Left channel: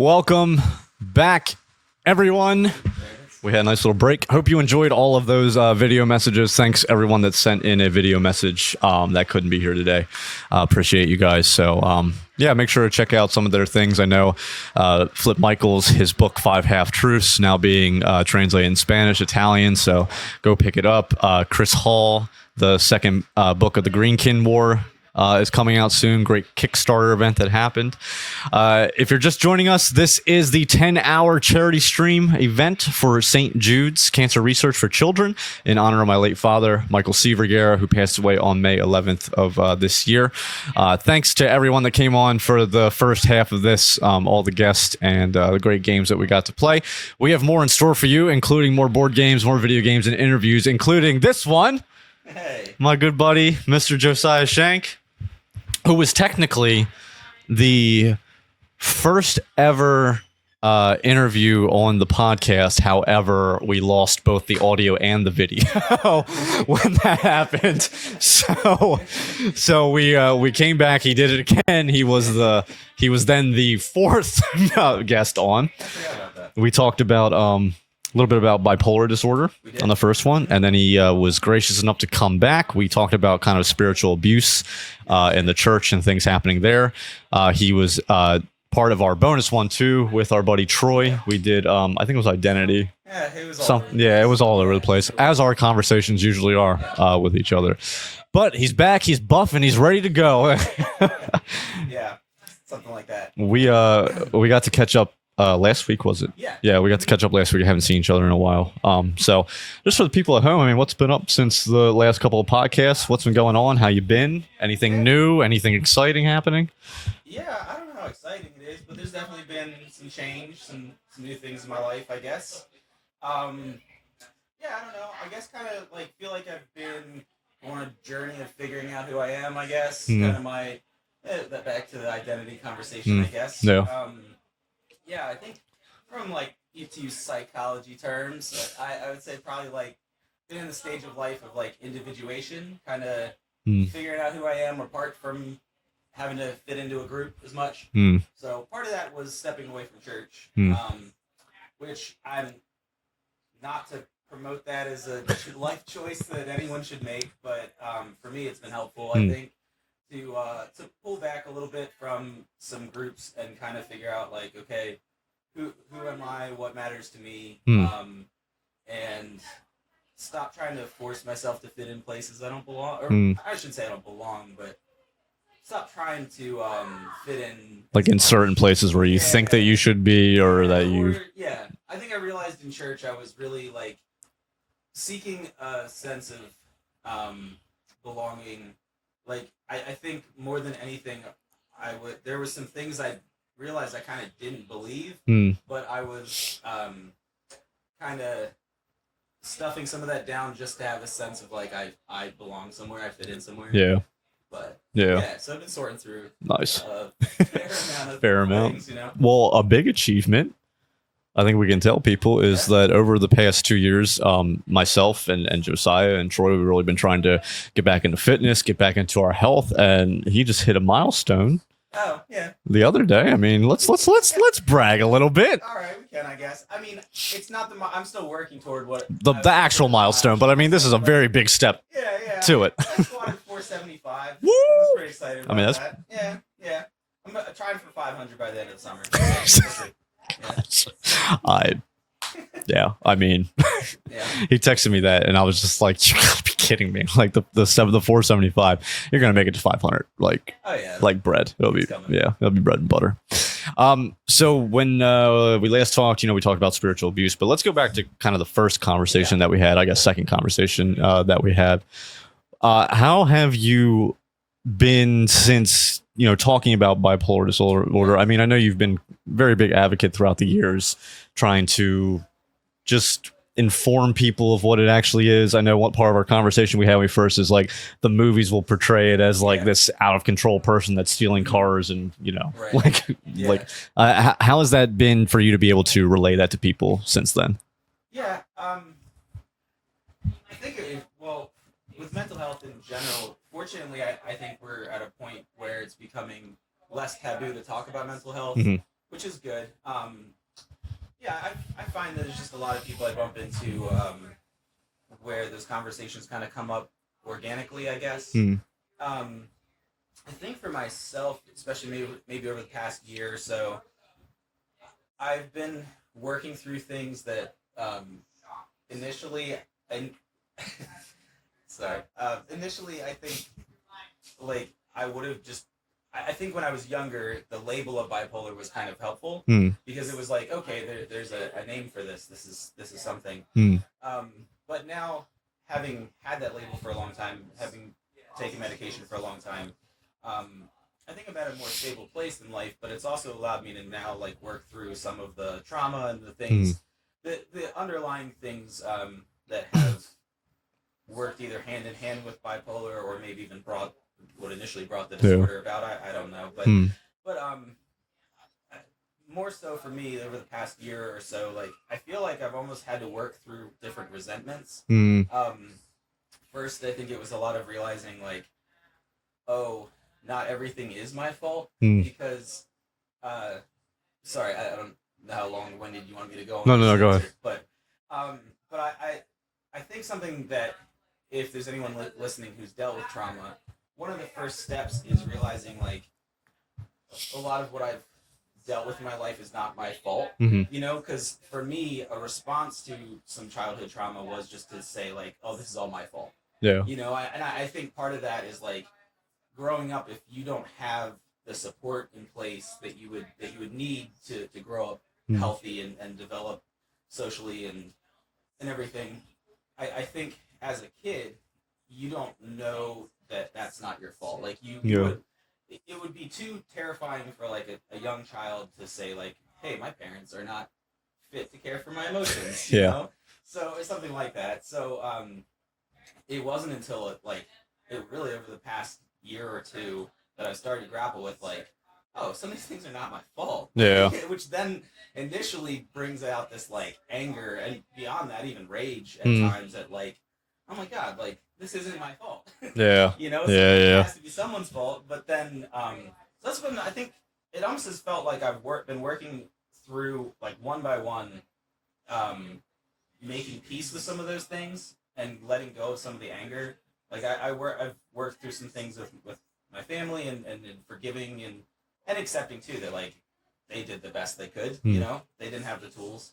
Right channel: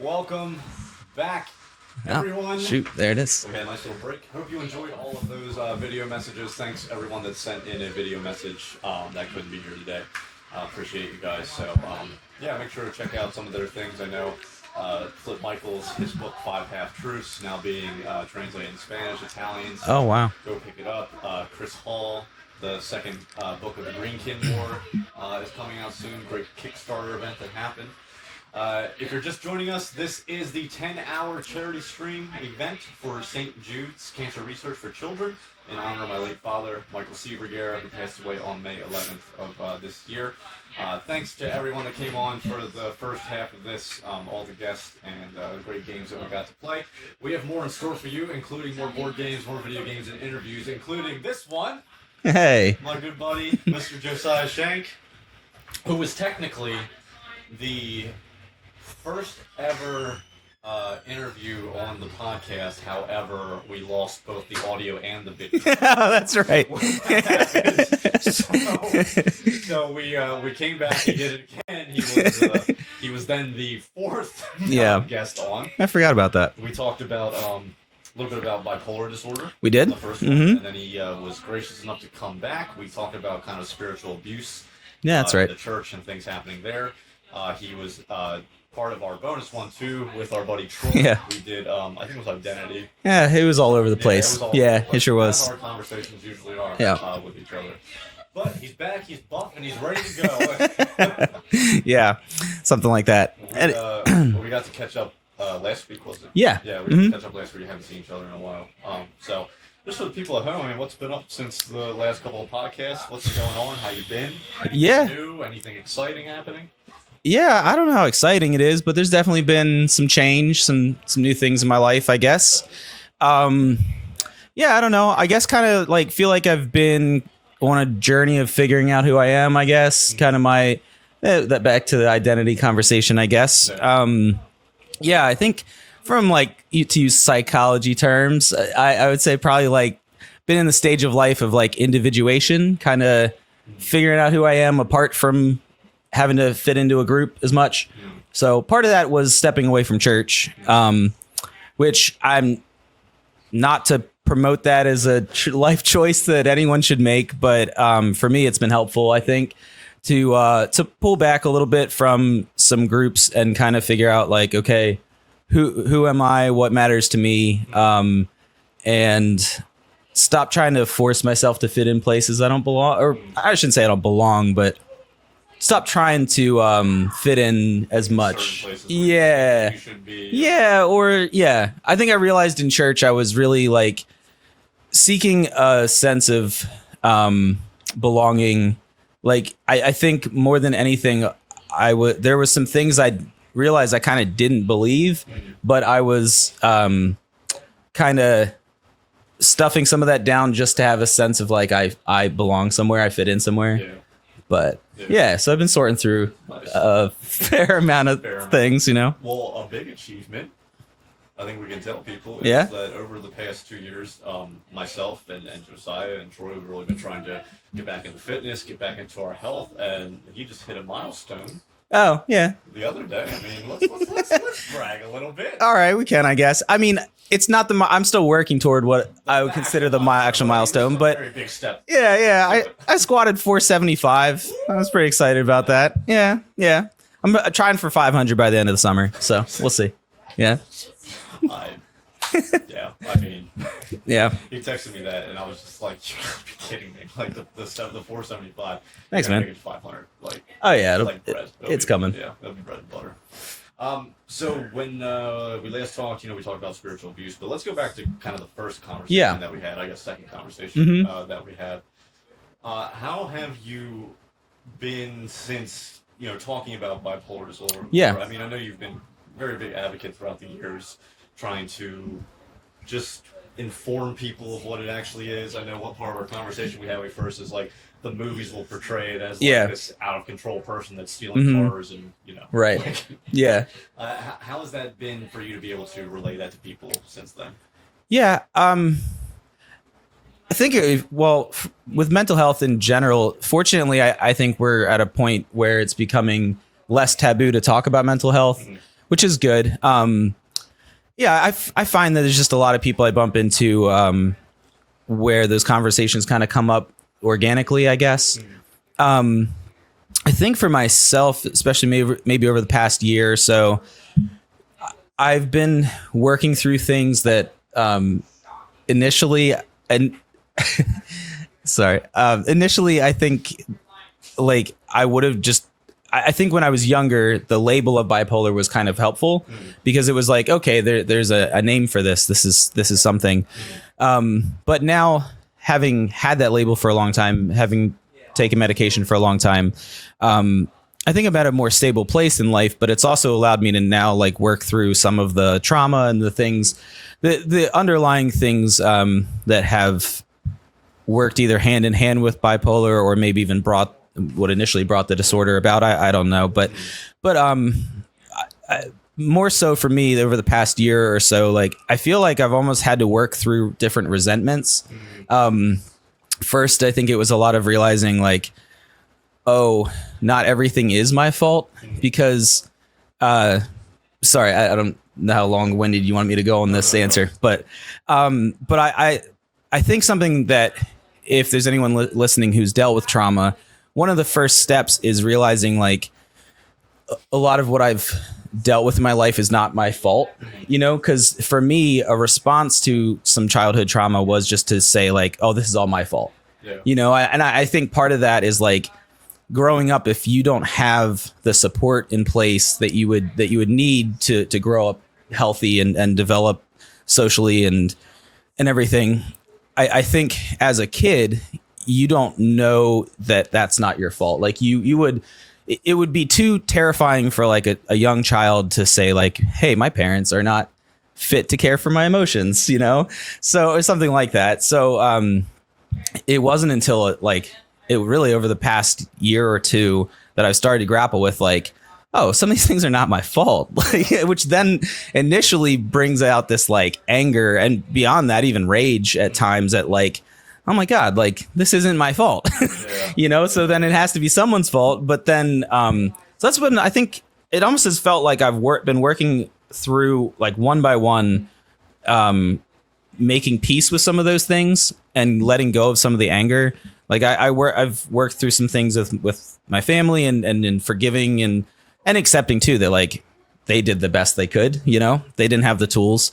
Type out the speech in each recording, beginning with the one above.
Welcome back, everyone. Shoot, there it is. We had a nice little break. Hope you enjoyed all of those video messages. Thanks everyone that sent in a video message that couldn't be here today. Appreciate you guys. So yeah, make sure to check out some of their things. I know Flip Michaels, his book 5 Half Truths, now being translated in Spanish, Italian. So go pick it up. Chris Hall, the second book of the Greenkin War is coming out soon. Great Kickstarter event that happened. If you're just joining us, this is the 10-hour charity stream event for St. Jude's Cancer Research for Children in honor of my late father, Michael C. Vergara, who passed away on May 11th of this year. Thanks to everyone that came on for the first half of this, all the guests and the great games that we got to play. We have more in store for you, including more board games, more video games, and interviews, including this one. Hey, my good buddy, Mr. Josiah Shank, who was technically the first ever interview on the podcast. However, we lost both the audio and the video. That's right. When that happened. So we came back. He did it again. He was then the fourth guest on. I forgot about that. We talked about a little bit about bipolar disorder. We did on the first one, and then he was gracious enough to come back. We talked about kind of spiritual abuse in the church and things happening there. He was part of our bonus one too with our buddy Troy. Yeah. We did I think it was identity. Yeah, it was all over the place. Yeah, it was all over the place, sure as our conversations usually are with each other. But he's back, he's buff, and he's ready to go. Yeah, something like that. We got to catch up last week, was it? Yeah. Yeah, we got to catch up last week. We haven't seen each other in a while. So just for the people at home, I mean, what's been up since the last couple of podcasts? What's been going on? How you been? Anything new? Anything exciting happening? Yeah, I don't know how exciting it is, but there's definitely been some change, some new things in my life, I guess. Yeah, I don't know. I guess kind of like feel like I've been on a journey of figuring out who I am, I guess. Kind of my that back to the identity conversation, I guess. Yeah. Yeah, I think from like to use psychology terms, I would say probably like been in the stage of life of like individuation, kind of figuring out who I am apart from having to fit into a group as much. So part of that was stepping away from church, which I'm not to promote that as a life choice that anyone should make. But for me, it's been helpful, I think, to pull back a little bit from some groups and kind of figure out like, okay, who am I? What matters to me? And stop trying to force myself to fit in places I don't belong, or I shouldn't say I don't belong, but stop trying to fit in like as in much. Certain places where you think that you should be. I think I realized in church I was really like seeking a sense of belonging. Like, I think more than anything, there was some things I realized I kind of didn't believe, but I was kind of stuffing some of that down just to have a sense of like, I belong somewhere, I fit in somewhere. Yeah. But so I've been sorting through a fair amount of things, you know? Well, a big achievement, I think we can tell people, is that over the past 2 years, myself and Josiah and Troy, we've really been trying to get back into fitness, get back into our health, and he just hit a milestone. Oh, yeah. The other day. I mean, let's brag a little bit. All right, we can, I guess. I mean, it's not I'm still working toward what the actual milestone, but I mean, this is a very big step. Yeah. To I squatted 475. I was pretty excited about that. Yeah. I'm trying for 500 by the end of the summer, so we'll see. Yeah. I mean, he texted me that and I was just like, you gotta be kidding me. Like the 475, you're gonna make it to 500. Like, oh yeah, like bread. It's coming. Yeah, it'll be bread and butter. So when we last talked, we talked about spiritual abuse, but let's go back to kind of the first conversation that we had, I guess second conversation that we had. How have you been since, talking about bipolar disorder? I mean, I know you've been very big advocate throughout the years, trying to just inform people of what it actually is. I know one part of our conversation we had when we first is like the movies will portray it as like this out of control person that's stealing cars and right. How has that been for you to be able to relay that to people since then? I think with mental health in general, fortunately I think we're at a point where it's becoming less taboo to talk about mental health. which is good. Yeah, I find that there's just a lot of people I bump into where those conversations kind of come up organically, I guess. I think for myself, especially maybe over the past year or so, I've been working through things that initially I think like I would have just I think when I was younger, the label of bipolar was kind of helpful because it was like, okay, there's a name for this. This is something. But now, having had that label for a long time, having taken medication for a long time, I think I'm at a more stable place in life. But it's also allowed me to now like work through some of the trauma and the things, the underlying things that have worked either hand in hand with bipolar or maybe even brought what initially brought the disorder about. I don't know, but more so for me over the past year or so, like I feel like I've almost had to work through different resentments. First, I think it was a lot of realizing like, oh, not everything is my fault because, sorry, I don't know how long-winded you want me to go on this answer, but I think something that if there's anyone listening who's dealt with trauma, one of the first steps is realizing like a lot of what I've dealt with in my life is not my fault, you know, because for me, a response to some childhood trauma was just to say like, oh, this is all my fault. Yeah. You know, I think part of that is like growing up, if you don't have the support in place that you would need to grow up healthy and develop socially and everything. I think as a kid, you don't know that that's not your fault. Like it would be too terrifying for like a young child to say like, hey, my parents are not fit to care for my emotions, you know? So or something like that. So it wasn't until it really over the past year or two that I started to grapple with like, oh, some of these things are not my fault, which then initially brings out this like anger and beyond that, even rage at times at like, oh my God, like this isn't my fault, you know? So then it has to be someone's fault. But then, so that's when I think it almost has felt like I've been working through like one by one, making peace with some of those things and letting go of some of the anger. Like I've worked through some things with my family and forgiving and accepting too that like they did the best they could, you know, they didn't have the tools.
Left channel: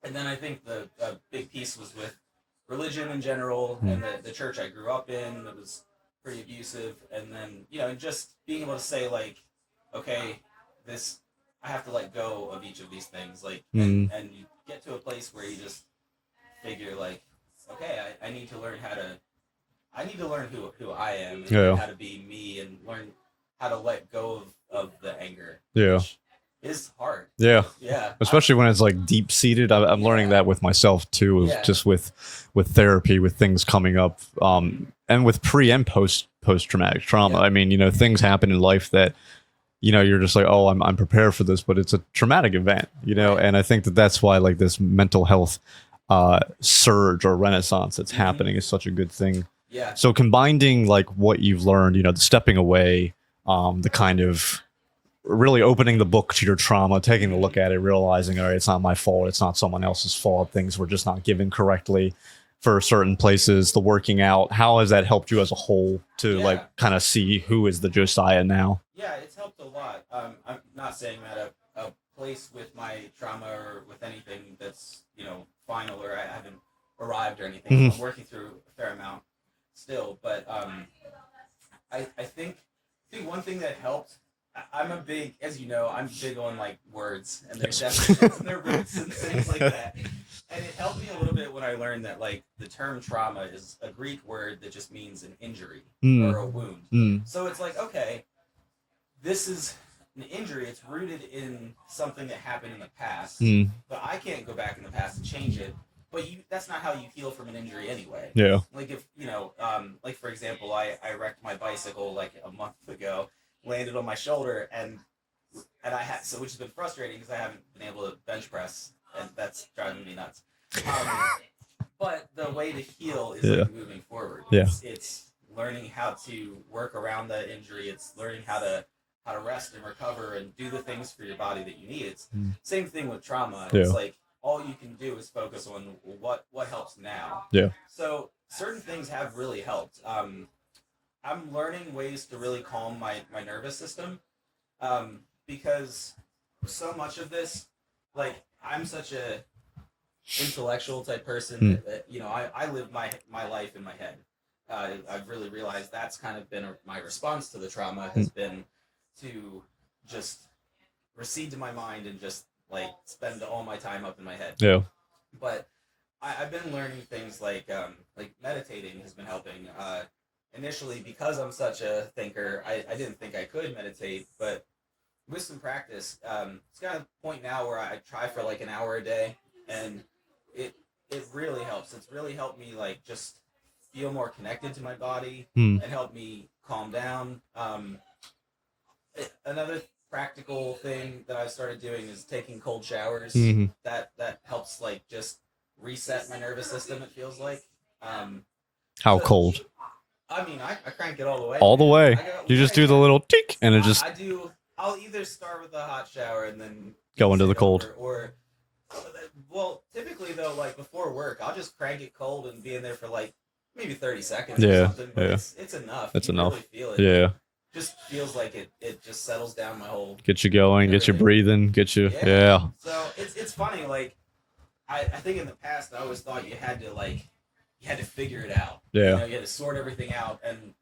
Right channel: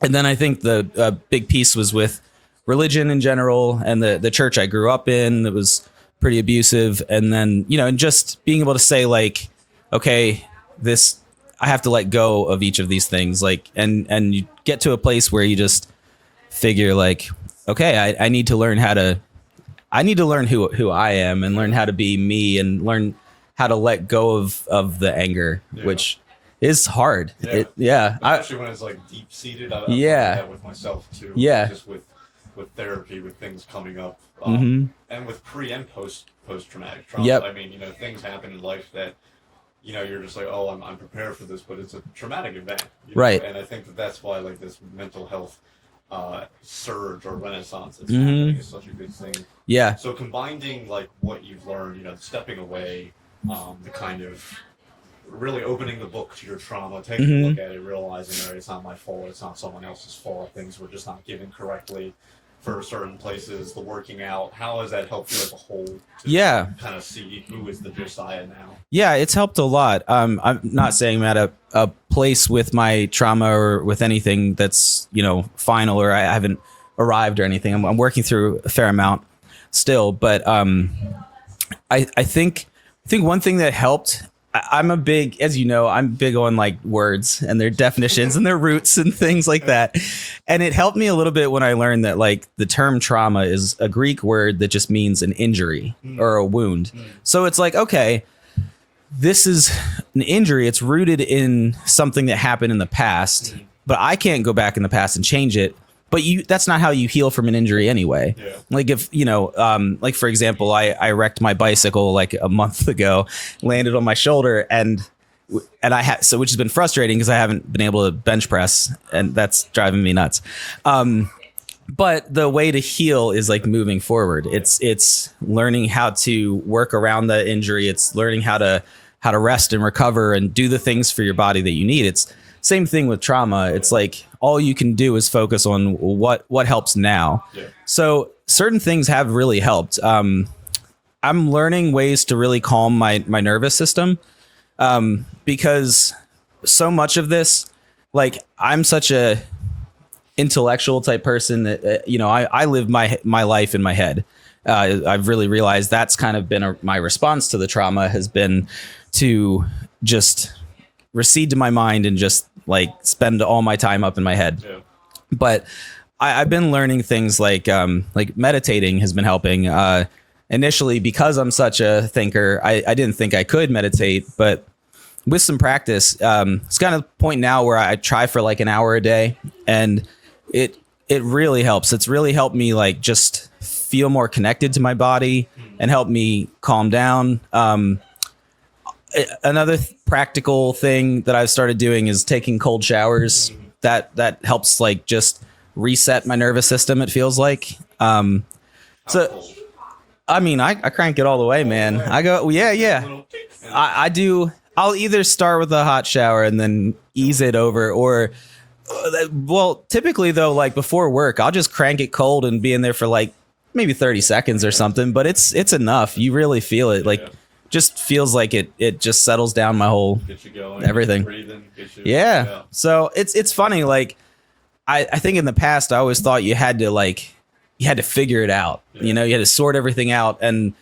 And then I think the big piece was with religion in general and the church I grew up in that was pretty abusive. And then, you know, and just being able to say like, okay, I have to let go of each of these things. Like, and you get to a place where you just figure like, okay, I need to learn who I am and learn how to be me and learn how to let go of the anger, which is hard. Especially when it's like deep seated. I'm learning that with myself too. Just with therapy, with things coming up, and with pre and post traumatic trauma. I mean, you know, things happen in life that, you know, you're just like, oh, I'm prepared for this, but it's a traumatic event, you know? And I think that's why like this mental health surge or renaissance that's happening is such a good thing. So combining like what you've learned, you know, the stepping away, the kind of really opening the book to your trauma, taking a look at it, realizing, all right, it's not my fault. It's not someone else's fault. Things were just not given correctly for certain places, the working out. How has that helped you as a whole to like, kind of see who is the Josiah now? Yeah, it's helped a lot. I'm not saying I'm at a place with my trauma or with anything that's, you know, final or I haven't arrived or anything. I'm working through a fair amount still, but I think one thing that helped, I'm a big, as you know, I'm big on like words and their definitions and their roots and things like that. And it helped me a little bit when I learned that like the term trauma is a Greek word that just means an injury or a wound. So it's like, okay, this is an injury. It's rooted in something that happened in the past, but I can't go back in the past and change it. But that's not how you heal from an injury anyway. Like if, you know, like for example, I wrecked my bicycle like a month ago, landed on my shoulder and I had, so which has been frustrating because I haven't been able to bench press and that's driving me nuts. But the way to heal is like moving forward. It's learning how to work around the injury. It's learning how to how to rest and recover and do the things for your body that you need. It's same thing with trauma. It's like all you can do is focus on what helps now. Yeah. So certain things have really helped. I'm learning ways to really calm my nervous system, because so much of this, like, I'm such a intellectual type person that I live my life in my head. I've really realized that's kind of been my response to the trauma has been to just recede to my mind and just like spend all my time up in my head. Yeah. But I've been learning things like meditating has been helping. Initially, because I'm such a thinker, I didn't think I could meditate, but with some practice, it's kind of the point now where I try for like an hour a day, and it really helps. It's really helped me like just feel more connected to my body and help me calm down. Another practical thing that I've started doing is taking cold showers. That helps like just reset my nervous system. It feels like. How cold? I mean, I crank it all the way, All man. the way. I go, you yeah, just do yeah. the little tick, and it just I do. I'll either start with a hot shower and then Go ease into it the cold. over, or well, typically though, like before work, I'll just crank it cold and be in there for like maybe 30 seconds or Yeah, something. But yeah. it's enough. That's you really enough. feel it. Yeah. Like just feels like it just settles down my whole. get you going, get you Everything. breathing, get you. Yeah. So it's funny. Like I think in the past I always thought you had to figure it out. Yeah. You had to sort everything out, and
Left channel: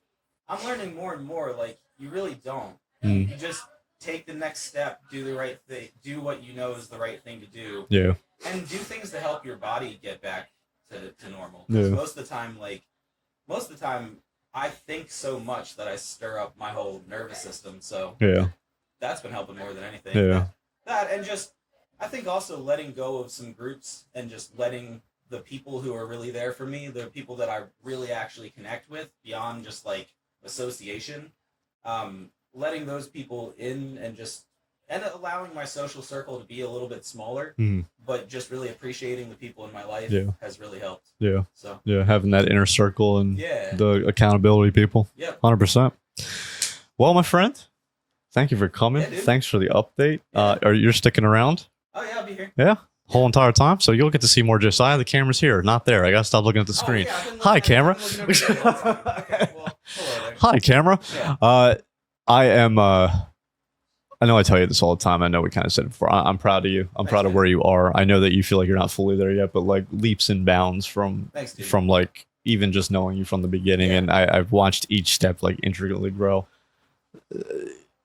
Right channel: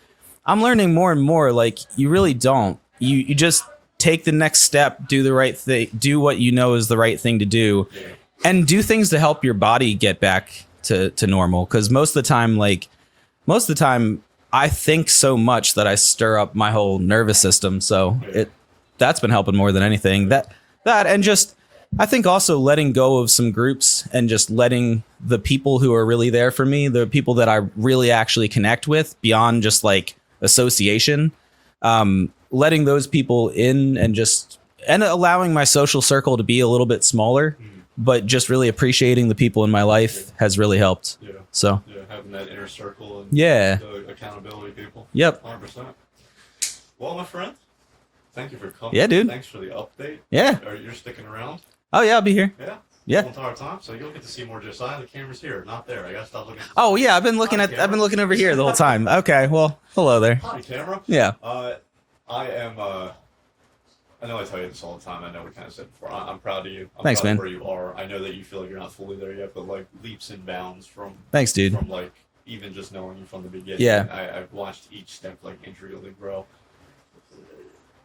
I'm learning more and more. Like you really don't. You just take the next step, do the right thing, do what you know is the right thing to do, Yeah. and do things to help your body get back to normal. Because most of the time, I think so much that I stir up my whole nervous system. So that's been helping more than anything. Yeah. That and just I think also letting go of some groups and just letting the people who are really there for me, the people that I really actually connect with beyond just like association, letting those people in and allowing my social circle to be a little bit smaller, but just really appreciating the people in my life has really helped. Yeah. So Yeah. Having that inner circle and Yeah. the accountability people. Yep. 100%. Well, my friend, thank you for coming. Yeah, dude. Thanks for the update. Yeah. Are you sticking around? Oh yeah, I'll be here. Yeah. Yeah. Whole entire time. So you'll get to see more Josiah. The camera's here, not there. I gotta stop looking at the screen. Oh yeah, I've been looking Hi, camera. I've been looking over here the whole time. Okay, well, hello there. Hi, camera. Yeah. I am. I know I tell you this all the time. I know we kind of said it before. I'm proud of you. I'm Thanks, proud man. of where you are. I know that you feel like you're not fully there yet, but like leaps and bounds from. Thanks, dude. From like even just knowing you from the beginning, Yeah. and I've watched each step like intricately grow.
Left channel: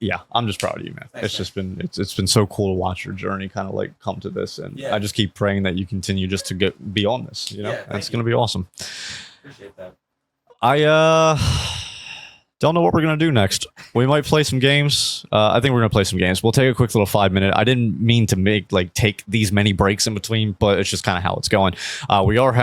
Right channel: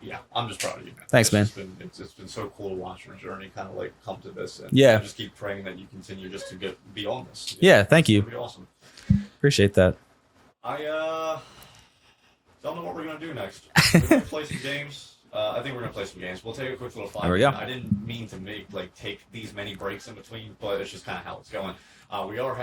Yeah, I'm just proud of you, man. Thanks, man. It's been so cool to watch your journey kind of like come to this, and Yeah. I just keep praying that you continue just to get beyond this. you know? Yeah, thank you. It's gonna be awesome. Appreciate that. I don't know what we're gonna do next. We might play some games. I think we're gonna play some games. We'll take a quick little 5-minute. go. I didn't mean to take these many breaks in between, but it's just kind of how it's going. We are having